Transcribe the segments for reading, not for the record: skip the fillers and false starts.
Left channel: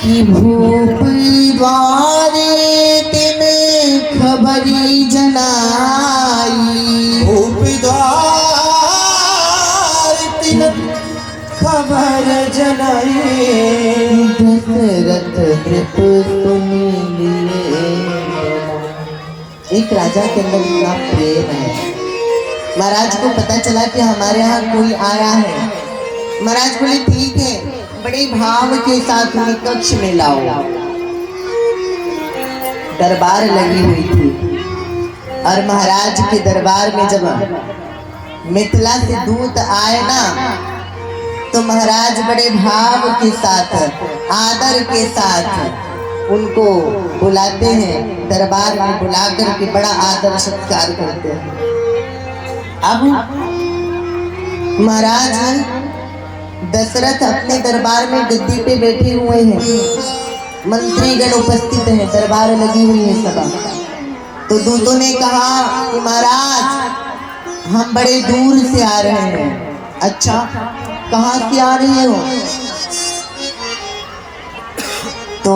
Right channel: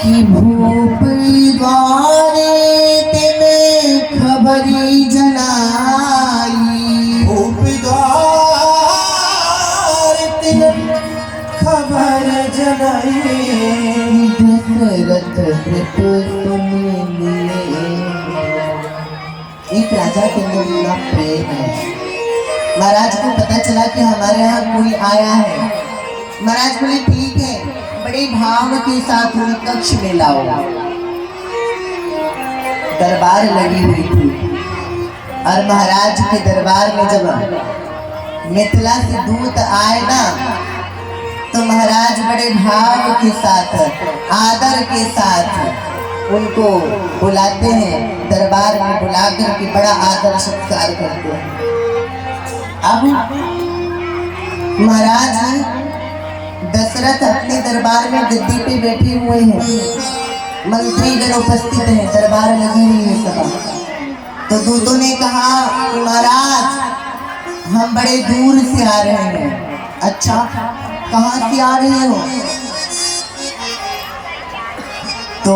कि भूप द्वारे तेने खबरी जनाई। भूप द्वार तेने खबर जनाई। दशरथ कृपु सुन लिए। एक राजा के अंदर इतना प्रेम है। महाराज को पता चला कि हमारे यहाँ कोई आया है। महाराज बोले ठीक है, बड़े भाव के साथ उन्हें कक्ष में लाओ। दरबार लगी हुई थी और महाराज के दरबार में जब मिथिला से दूत आए ना, तो महाराज बड़े भाव के साथ, आदर के साथ उनको बुलाते हैं। दरबार में बुलाकर के बड़ा आदर सत्कार करते हैं। अब महाराज दशरथ अपने दरबार में गद्दी पे बैठे हुए हैं, मंत्रीगण उपस्थित हैं, दरबार लगी हुई है सभा। तो दूतों ने कहा कि महाराज हम बड़े दूर से आ रहे हैं। अच्छा, कहाँ से आ रहे हो? तो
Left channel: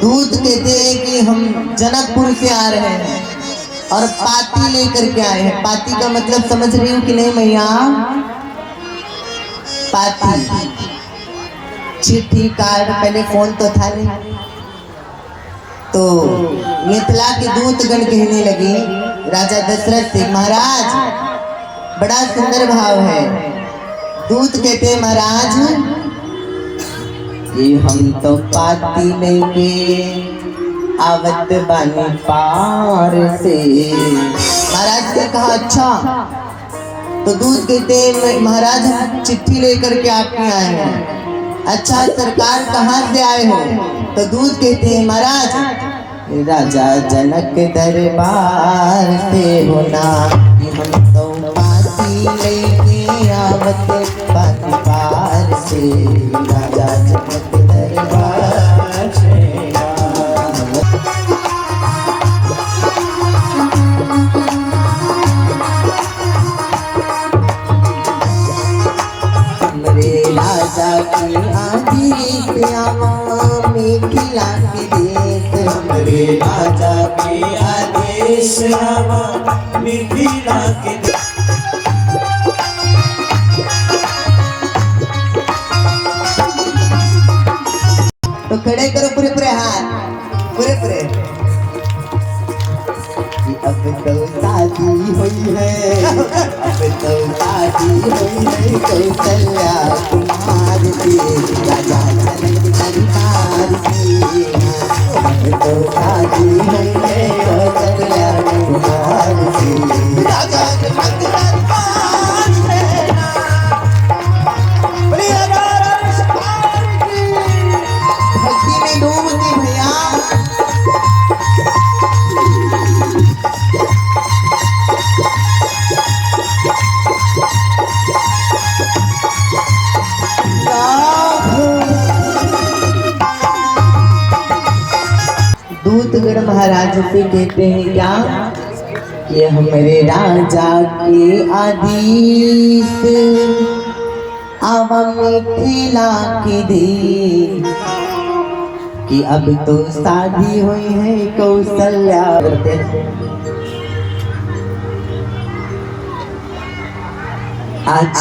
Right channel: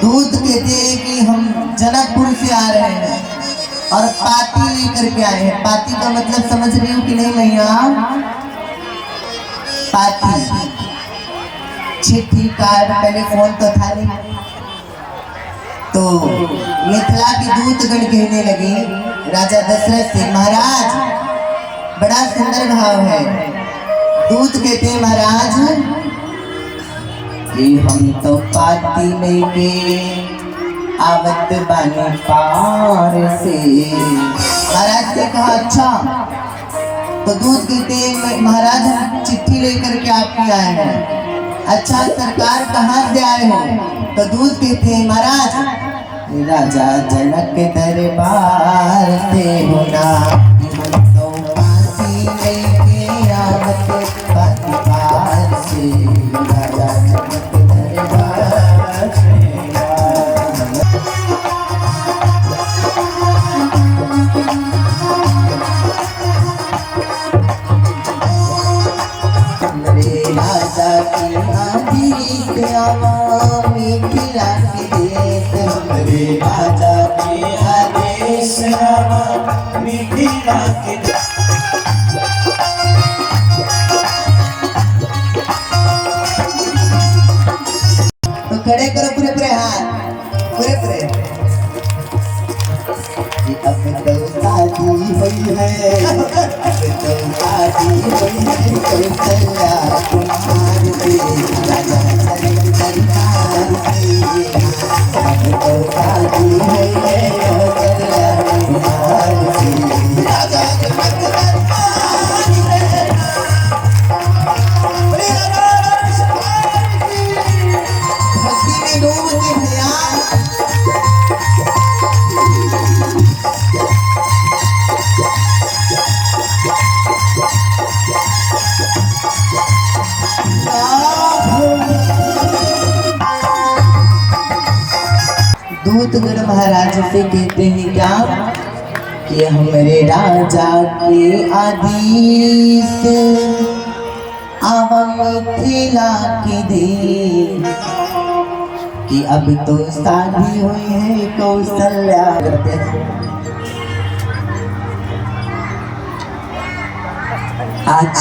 दूत कहते हैं कि हम जनकपुर से आ रहे हैं और पाती लेकर के आए हैं। पाती का मतलब समझ रही हूँ कि नहीं मैया? पाती, चिट्ठी, कार्ड, पहले फोन तो था नहीं। तो मिथिला के दूतगण कहने लगे राजा दशरथ से, महाराज बड़ा सुंदर भाव है। दूत कहते हैं महाराज कि हम तो पाती लेके आवत बानी पार से। महाराज से कहा अच्छा। तो दूत कहते हैं महाराज हम चिट्ठी लेकर के आपके आए हैं। अच्छा, सरकार कहाँ से आए हो? तो दूत कहते हैं महाराज राजा जनक दरबार से होना, हम तो पाती लेके आवत बानी पार से। राजा जनक दरबार से राजा की आदेश आवा मिथिला की देश। रे राजा के आदेश आवा मिथिला के देश। तो खड़े करो पूरे पूरे हाथ, पूरे पूरे। अब तो शादी हुई है, अब तो शादी हुई है कौशल्या कुमार से। राजा जनक दरबार से अब तो शादी हुई है कौशल्या कुमार से। राजा जनक दरबार से भक्ति में डूबती भैया। दूतगण महाराज से कहते हैं क्या कि हमारे राजा के आदेश आवा मिथिला की दे कि अब तो शादी हुई है कौशल्या। आज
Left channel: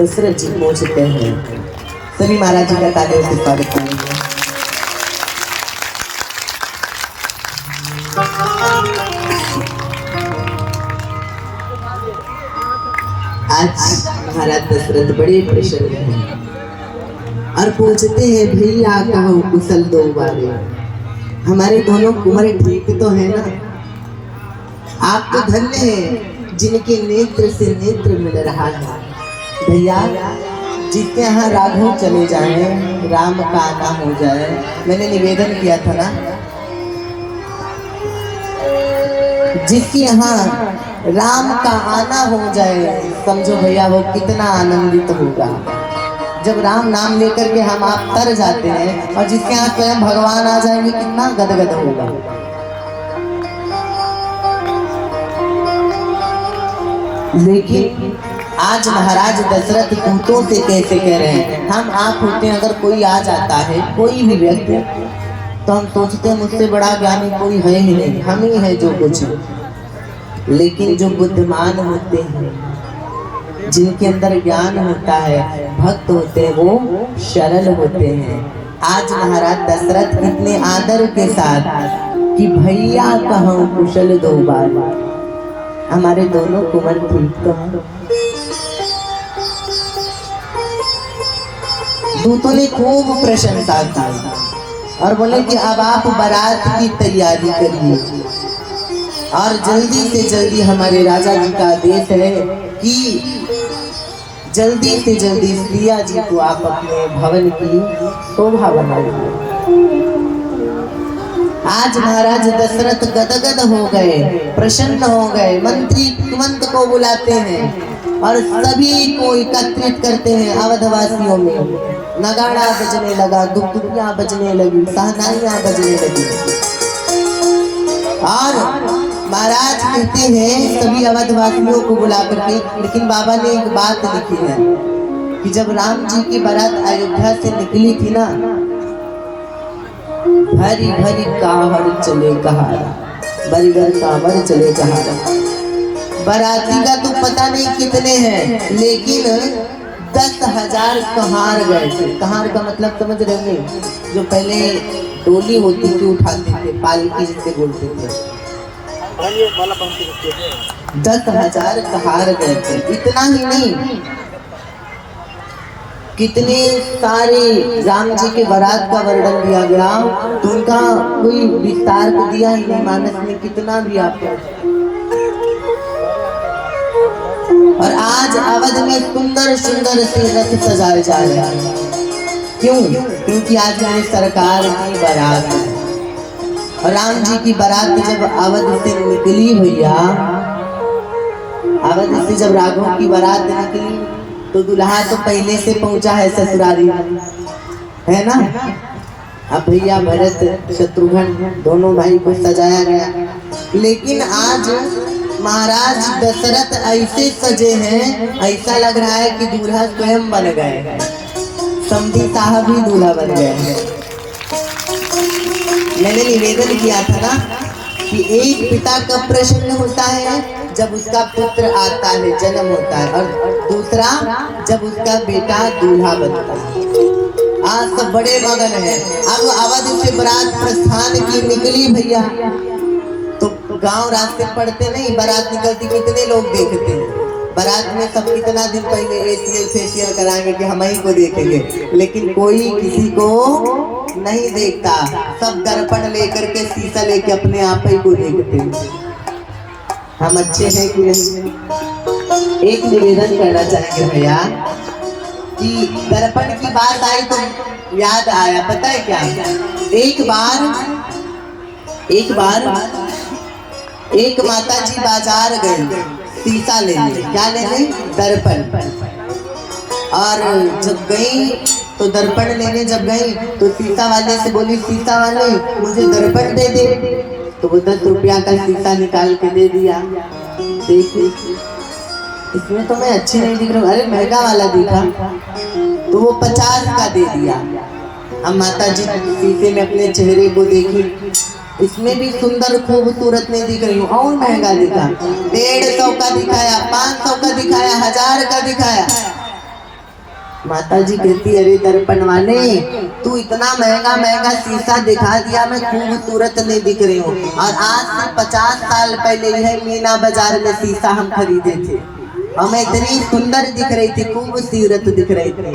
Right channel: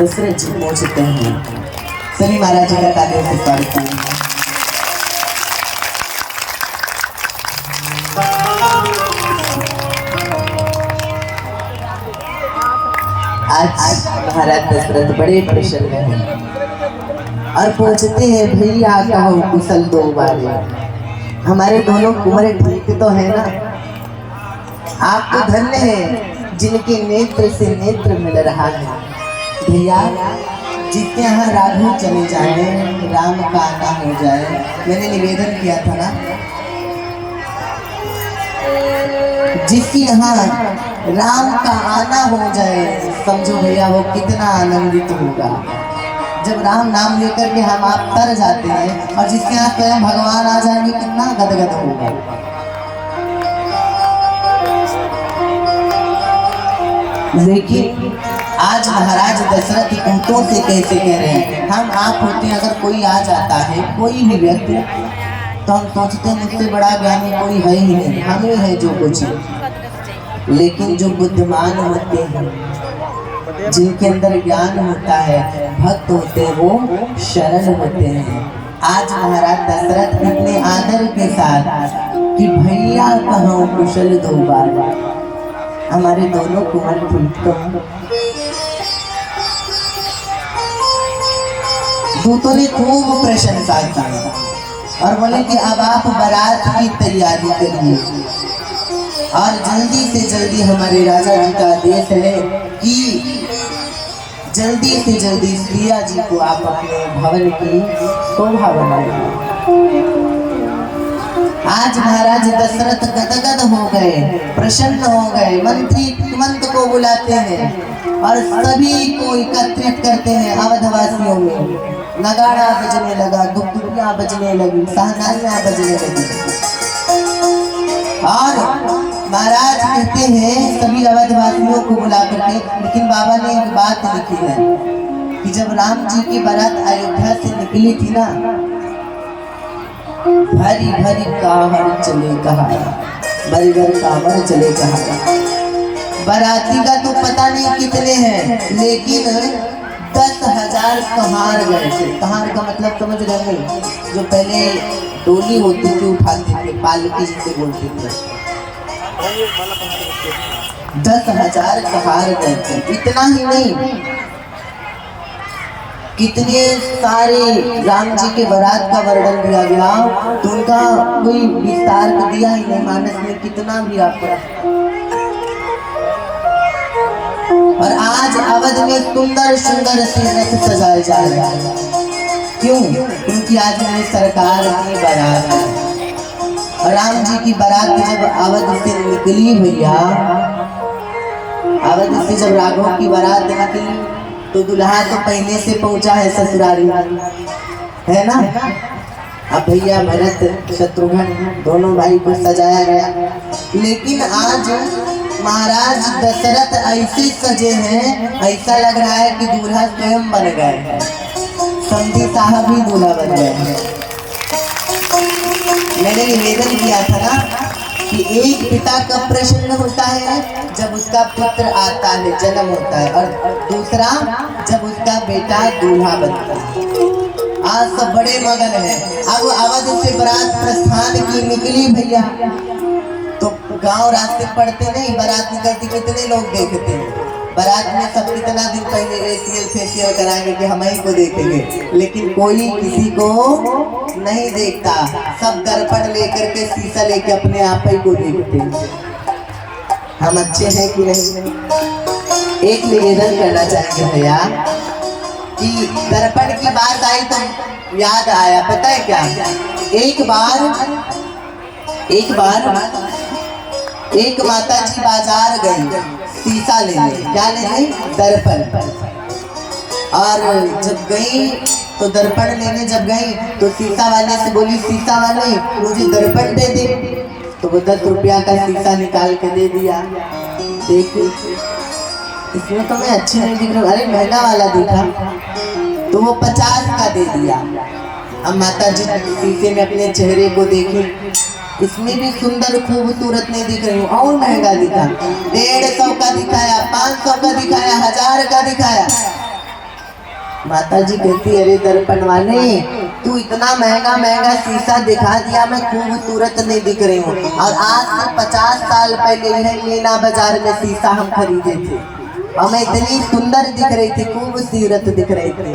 दशरथ जी पहुंचते हैं। सभी महाराज जी का तालियों से स्वागत करेंगे। आज महाराज दशरथ बड़े प्रसन्न हैं और पूछते हैं भैया कहो कुशल दो बारे। हमारे दोनों कुंवर ठीक तो है ना? आप तो धन्य हैं जिनके नेत्र से नेत्र मिल रहा है। भैया जिसके यहाँ राघव चले जाए, राम का आना हो जाए। मैंने निवेदन किया था ना, जिसके यहाँ राम का आना हो जाए, समझो भैया वो कितना आनंदित होगा। जब राम नाम लेकर के हम आप तर जाते हैं और जिसके यहाँ स्वयं भगवान आ जाएंगे, कितना गदगद होगा। लेकिन आज महाराज दशरथ दूतों से कैसे कह रहे हैं, हम आप होते हैं, अगर कोई आ जाता है कोई भी व्यक्ति, तो हम सोचते हैं मुझसे बड़ा ज्ञानी कोई है ही नहीं, हम ही है जो कुछ है। लेकिन जो बुद्धिमान होते हैं, जिनके अंदर ज्ञान होता है, भक्त होते हैं, वो शरण होते हैं। आज महाराज दशरथ इतने आदर के साथ कि भैया कहो कुशल दो बार, हमारे दोनों कुंवर ठीक तो हैं। दूतों ने खूब प्रशंसा की और बोले कि अब आप बारात की तैयारी करिए और जल्दी से जल्दी, हमारे राजा जी का आदेश है कि जल्दी से जल्दी सिया जी को आप अपने भवन की शोभा बनाइए। आज महाराज दशरथ गदगद हो गए, प्रसन्न हो गए, मंत्री को बुलाते हैं और सभी को एकत्रित करते हैं। अवधवासियों में नगाड़ा बजने लगा, दुखियां बजने लगी, सहनाइयां बजने लगी और महाराज कहते हैं सभी अवधवासियों को बुला करके, लेकिन बाबा ने एक बात लिखी है कि जब राम जी की बारात अयोध्या से निकली थी ना, भरी भरी कांवर चले कहारा, भरी भरी कांवर चले कहारा। बाराती का तो पता नहीं कितने हैं, लेकिन 10,000 कहार गए थे। कहार का मतलब समझ रहे हैं, जो पहले डोली होती थी उठाते थे, पालकी जिसे बोलते थे। 10,000 कहार गए थे। इतना ही नहीं, कितने सारे राम जी के बारात का वर्णन दिया गया, तो उनका कोई विस्तार तो दिया ही नहीं मानस में, कितना भी आपको। और आज अवध में सुंदर सुंदर से रथ सजाए जा रहे हैं। क्यों? क्योंकि आज मेरी सरकार की बारात है और राम जी की बारात जब अवध से निकली भैया, अवध से जब राघव की बारात निकली तो दुल्हा तो पहले से पहुंचा है ससुरारी, है ना। अब भैया भरत शत्रुघ्न दोनों भाई को सजाया गया, लेकिन आज महाराज दशरथ ऐसे सजे हैं, ऐसा लग रहा है कि दूल्हा स्वयं बन गए, समधी साहब ही दूल्हा बन गए हैं। मैंने निवेदन किया था ना कि एक पिता कब प्रसन्न होता है, जब उसका पुत्र आता है, जन्म होता है, और दूसरा जब उसका बेटा दूल्हा बनता है। आज सब बड़े मगन हैं। अब अवध से बारात प्रस्थान की निकली भैया, तो गांव रास्ते पड़ते नहीं, बारात निकलती कितने लोग देखते हैं। बारात में सब कितना दिन पहले फेशियल कराएंगे कि हम ही को देखेंगे, लेकिन कोई किसी को नहीं देखता। सब दर्पण लेकर के, शीशा लेके अपने आप ही को देखते हैं हम अच्छे हैं कि नहीं। एक निवेदन करना चाहेंगे भैया कि दर्पण की बात आई तो याद आया, पता है क्या, एक बार एक माता जी बाजार गई शीशा लेने, क्या लेने, दर्पण। और जब गई तो दर्पण लेने जब गई तो शीशा वाले से बोली, शीशा वाले मुझे दर्पण दे दे। तो वो 10 रुपया का शीशा निकाल के दे दिया। देखिए इसमें तो मैं अच्छे नहीं दिख रहा, अरे महंगा वाला दिखा, तो वो 50 का दे दिया। अब माता जी शीशे में अपने चेहरे को देखी, इसमें भी सुंदर खूबसूरत नहीं दिख रही हूँ, और महंगा दिखा, 150 का दिखाया, 500 का दिखाया, 1000 का दिखाया। माता जी कहती, अरे दर्पण वाले तू इतना महंगा महंगा शीशा दिखा दिया, मैं खूबसूरत नहीं दिख रही हूँ। और आज से 50 साल पहले यह मीना बाजार में शीशा हम खरीदे थे, हमें इतनी सुंदर दिख रही थी, खूबसूरत दिख रही थी।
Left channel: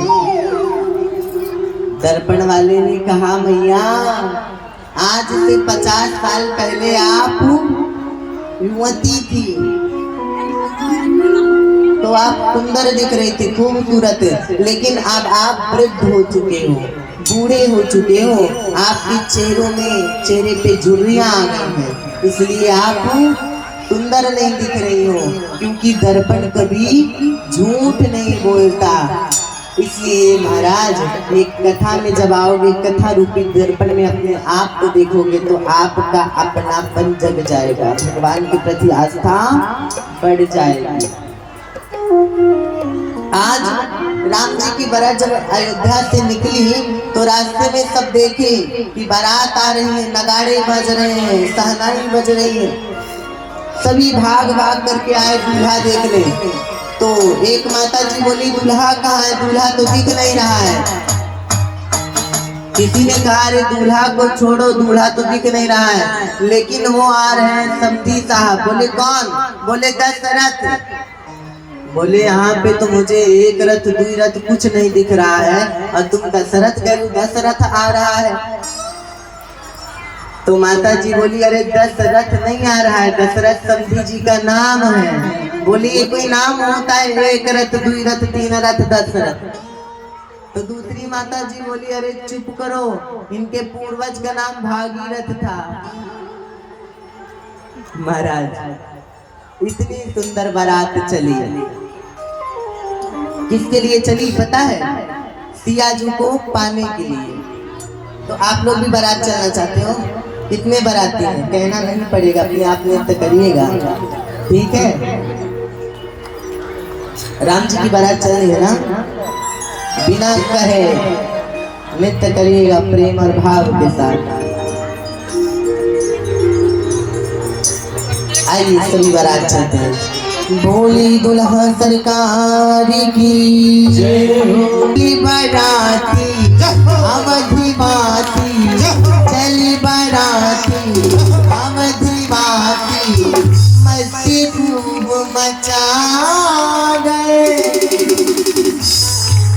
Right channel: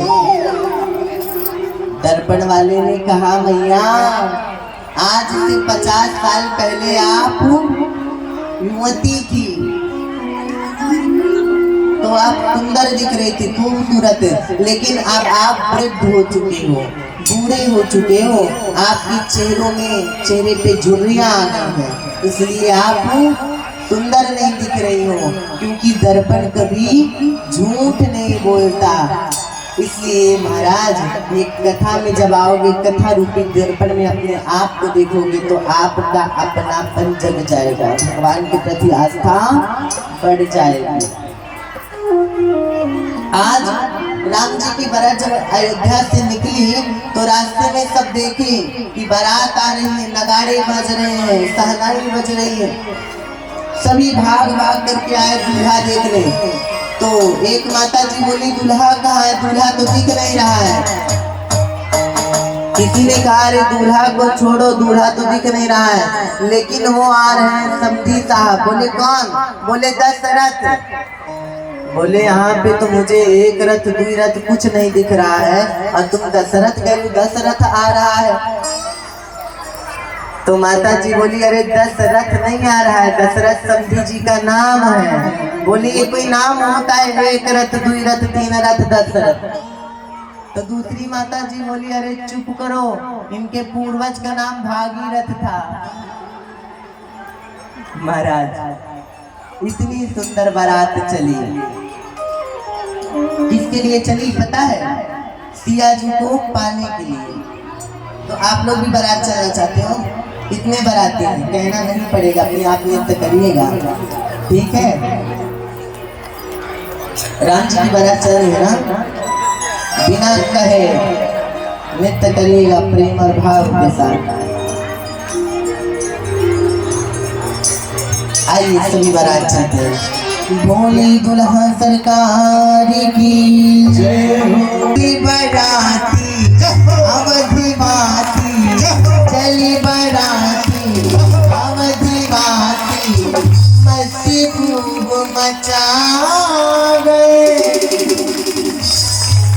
दर्पण वाले ने कहा, भैया आज से 50 साल पहले आप युवती थी तो आप सुंदर दिख रही थी, खूबसूरत, लेकिन अब आप वृद्ध हो चुके हो, बूढ़े हो चुके हो, आपके चेहरे पे झुर्रियां आ गई हैं, इसलिए आप सुंदर नहीं दिख रही हो। क्योंकि दर्पण कभी झूठ नहीं बोलता। इसलिए महाराज एक कथा में जब आओगे, कथा रूपी दर्पण में अपने आप को देखोगे तो आपका अपनापन जग जाएगा, भगवान के प्रति आस्था बढ़ जाएगी। आज राम जी की बारात जब अयोध्या से निकली तो रास्ते में सब देखे कि बारात आ रही है, नगाड़े बज रहे हैं, सहनाई बज रही है, सभी भाग भाग करके आए दूल्हा देखने। तो एक माता जी बोली दूल्हा कहाँ है, दूल्हा तो दिख नहीं रहा है। किसी ने कहा अरे दूल्हा को छोड़ो, दूल्हा तो दिख नहीं रहा है, लेकिन वो आ रहे हैं समधी साहब। बोले कौन? बोले दशरथ। बोले यहाँ पे तो मुझे एक रथ दुई रथ कुछ नहीं दिख रहा है और तुम दशरथ कह रहे, दशरथ आ रहा है। तो माता जी बोली अरे दशरथ नहीं आ रहा है, दशरथ समधी जी का नाम है। बोली ये कोई नाम होता है, एक रथ दुई रथ तीन रथ दशरथ? तो दूसरी माता जी बोली अरे चुप करो, इनके पूर्वज का नाम भागीरथ था। महाराज इतनी सुंदर बारात चली, किसके लिए चली पता है? सिया जी को पाने के लिए। तो आप लोग भी बारात चलना चाहते हो? कितने बाराती हैं? कहना नहीं पड़ेगा, अपने आप नृत्य करिएगा, ठीक है? राम जी की बारात चल रही है ना, बिना कहे नृत्य करिएगा प्रेम और भाव के साथ। आइए सभी बारात चलते हैं। भोली दुल्हा सरकार की जय हो, बाराती अवधिवासी चली बाराती अवधिवासी, मस्ती धूम मचा गए।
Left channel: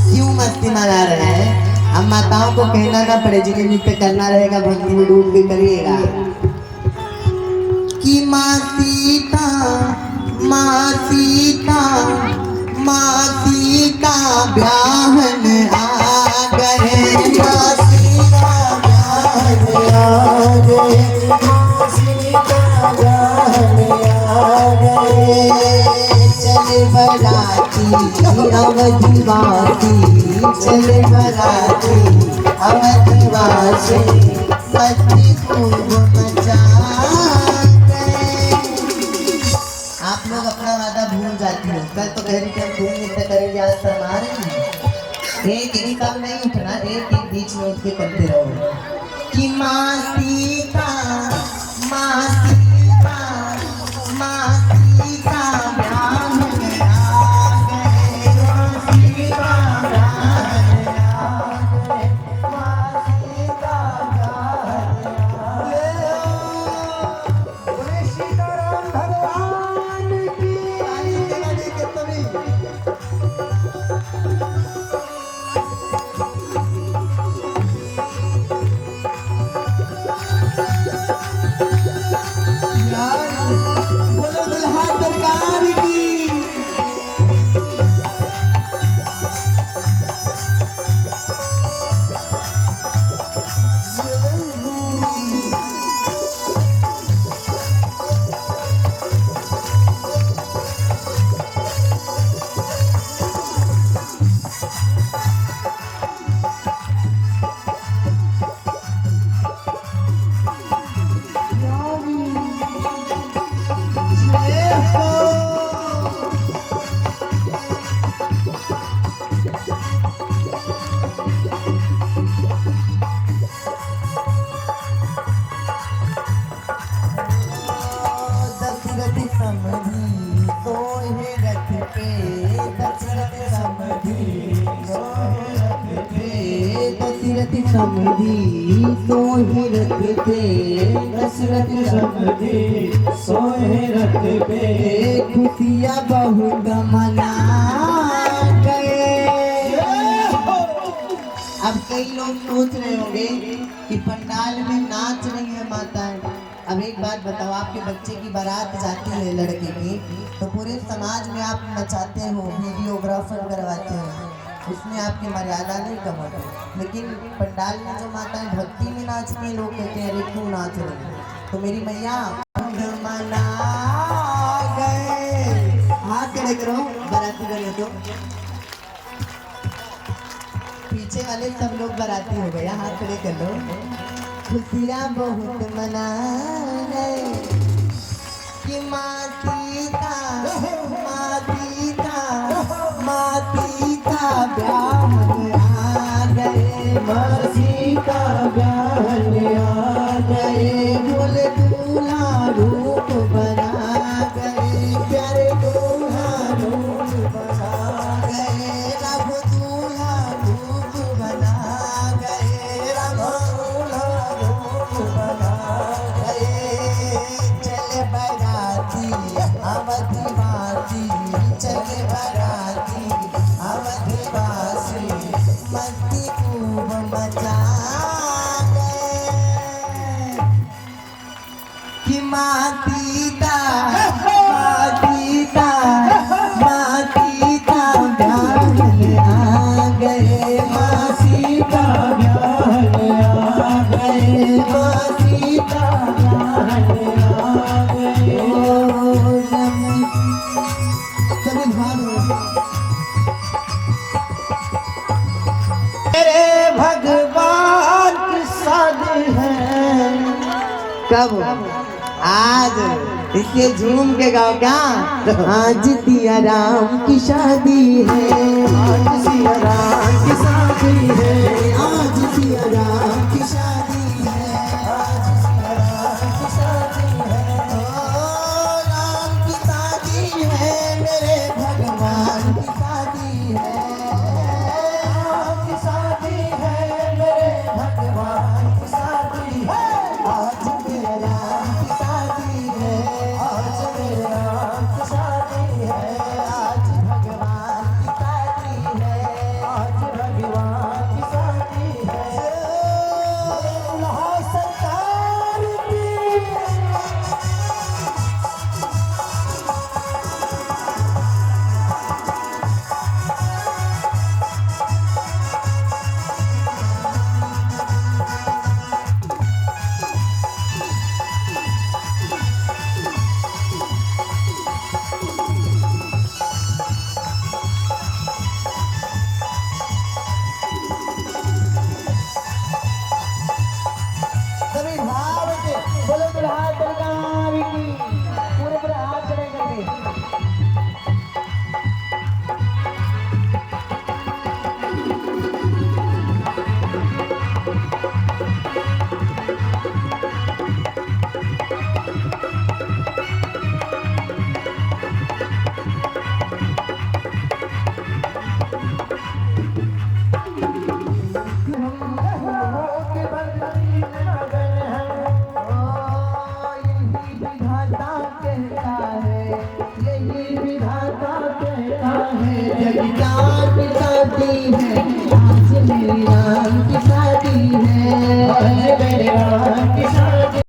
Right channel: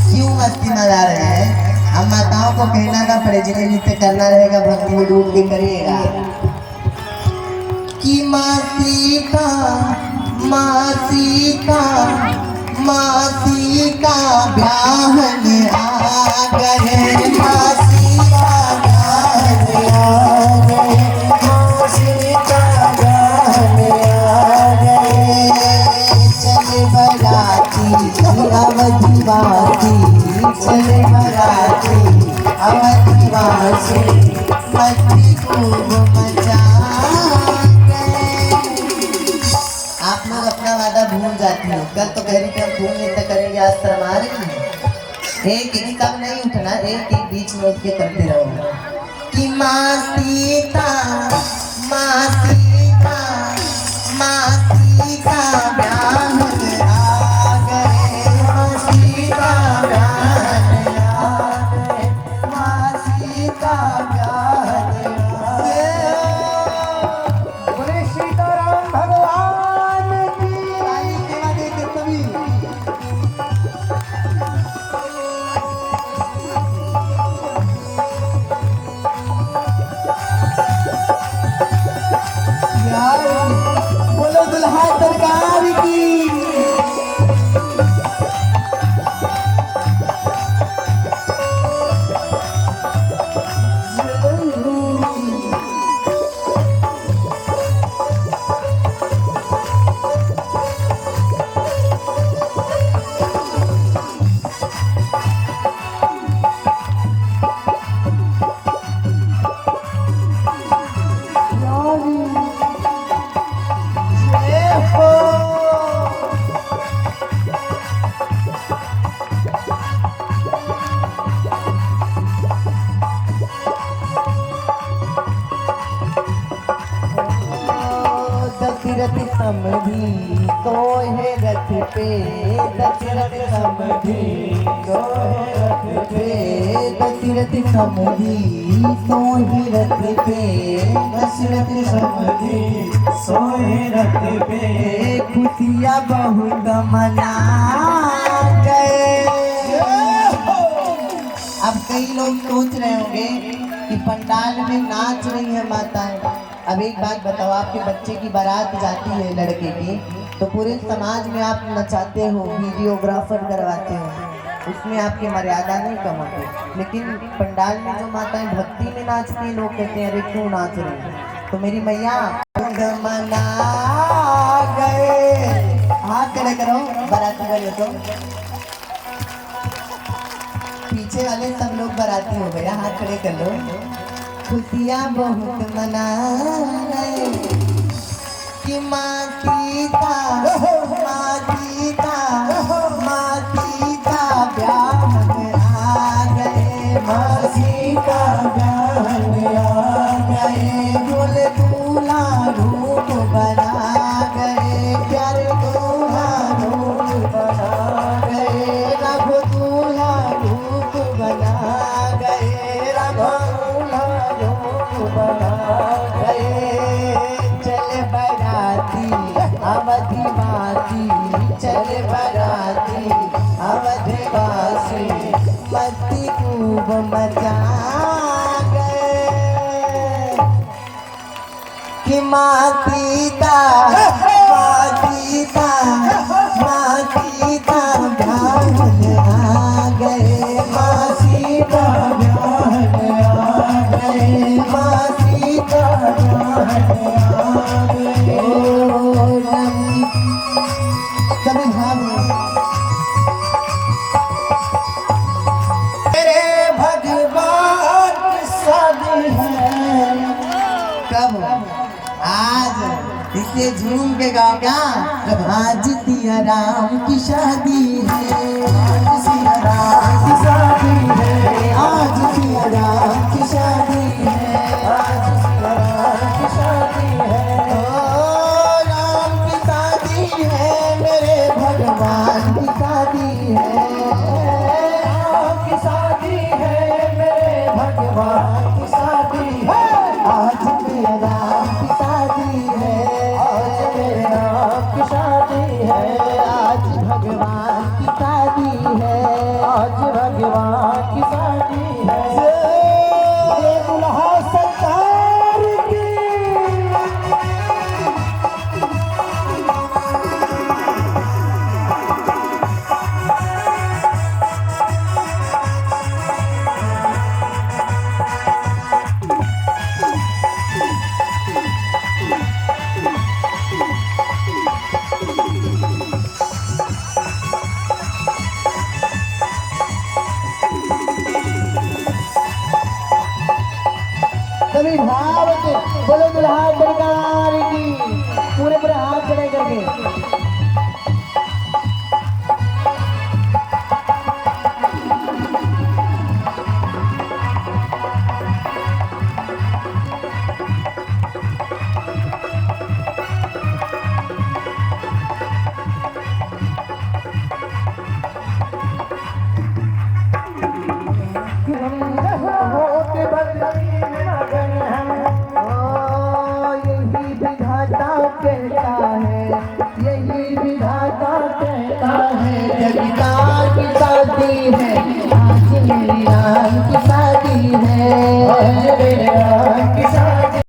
क्यों मस्ती मचा रहे हैं? हम माताओं को कहना ना पड़े, जिन्हें नृत्य करना रहेगा भक्ति में डूब के करिएगा कि माँ सीता माँ सीता माँ सीता ब्याहन आ गए, माँ सीता ब्याहन आ गए, माँ सीता ब्याहन आ गए। चल बराती अवधिवासी, चल बराती अवधिवासी, मस्ती खूब मचा। आप लोग अपना वादा भूल जाते हो। कल तो कह रही थी हम खूब नृत्य करेंगे, आज शर्मा रही हैं। एक ही काम नहीं उठना, एक एक बीच में उठ के करते रहो कि माँ सीता माँ सीता माँ सीता ब्याहन आ गए, माँ सीता ब्याहन आ गए, माँ सीता ब्याहन आ गए। बोले सीताराम भगवान की। आई सेवा देके सभी बोलो दुल्हा सरकार की। दशरथ समधी सोहे रथ पे, दशरथ समधी सोहे रथ पे, दशरथ समधी सोहे रथ पे, दशरथ समधी सोहे रथ पे, खुशियाँ बहुत मना गए। अब कई लोग सोच रहे होंगे कि पंडाल में नाच रही है माताएं। अब एक बात बताओ, आपके बच्चे की बारात जाती है लड़के की, तो पूरे समाज में आप नचाते हो, वीडियोग्राफर करवाते हो, उसमें आपकी मर्यादा नहीं कम होती। लेकिन पंडाल में जो माताएं भक्ति में नाचती हैं, लोग कहते हैं अरे क्यों नाच रही है? तो मेरी मैया मना गए। हाथ खड़े करो बाराती वाले को, पीछे वाले सब लोग बाराती हो गया, हाथ खड़े कर लो। खुशियाँ बहुत मना गए कि माँ सीता माँ सीता माँ सीता मासी का ब्याहन आ गए, बोले दूल्हा रूप बना गए, प्यारे दूल्हा रूप बना गए, रब दूल्हा रूप बना गए, रब दूल्हा रूप बना गए। चले बराती अवधिवासी, चले बराती अवधिवासी, मस्ती खूब मचा गए कि माँ सीता ब्याहन आ गए, माँ सीता ब्याहन आ गए, मासी का ब्याहन आ गए। कभी मेरे भगवान की शादी है, कब आज इसे झूम के गाओ क्या, आज सिया राम की शादी है, आज सिया राम की शादी है, आज सिया राम की शादी है, आज सिया राम की शादी है, ओ राम की शादी है, मेरे भगवान की शादी है, राम की शादी है, मेरे भगवान की शादी है, आज सिया राम की शादी है, आज मेरे राम की शादी है, आज भगवान की शादी है, आज भगवान की शादी है। ये दुल्हा सरकार की, सभी भाव से बोलो दुल्हा सरकार की, पूरे पूरे हाथ खड़े करके। होके बदली में लगन है, ओ यही विधाता कहता है, यही विधाता कहता है, जगदार की शादी है, आज मेरी राम की शादी है, आज मेरे राम की शादी